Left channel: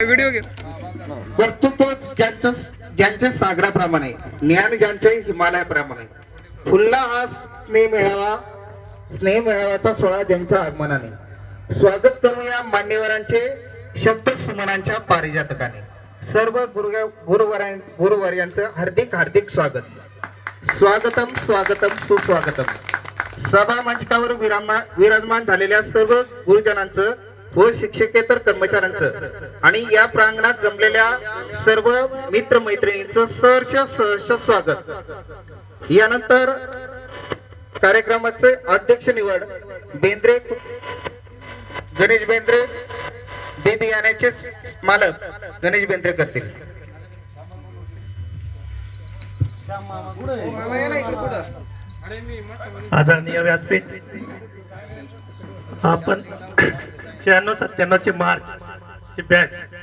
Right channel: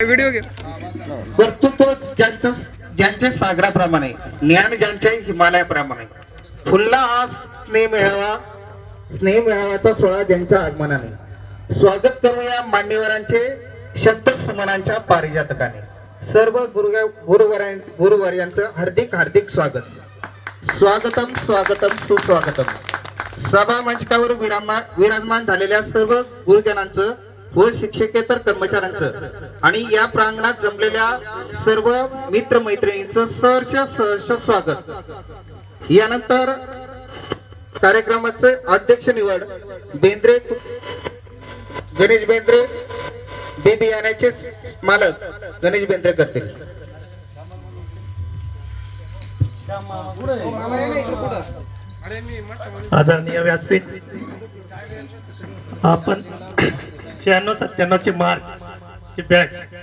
Video घे. कर्तृत्व ज्यांच्या सागराप्रमाणे, ज्ञान ज्यांच्या हिमालयाप्रमाणे, फुलला हा स्नेह मेळाव्याचा सोहळा ज्यांच्या आगमनाने, स्वागत करूया मान्यवरांचे शब्द सुमनांच्या पारिजातकाने. सर्व गुरुवर्यांचं हार्दिक हार्दिक स्वागत. स्वागतम स्वागतम सुस्वागतम. सभा मंचकावर विराजमान झालेल्या सर्व गुरुजनांचं व शिक्षकेतर कर्मचाऱ्यांचं आणि या प्रांगणात जमलेल्या सर्व मित्र मैत्रिणींचं सहर्ष स्वागत. यानंतर कार्यक्रमाचे अध्यक्ष निवड गणेश बेंद्रे बी बियाण्याचे मालक गणेश बेंद्रे करतील. आदरणीय व्यासपीठ, आपण 96-97 ची मार्च ची बॅच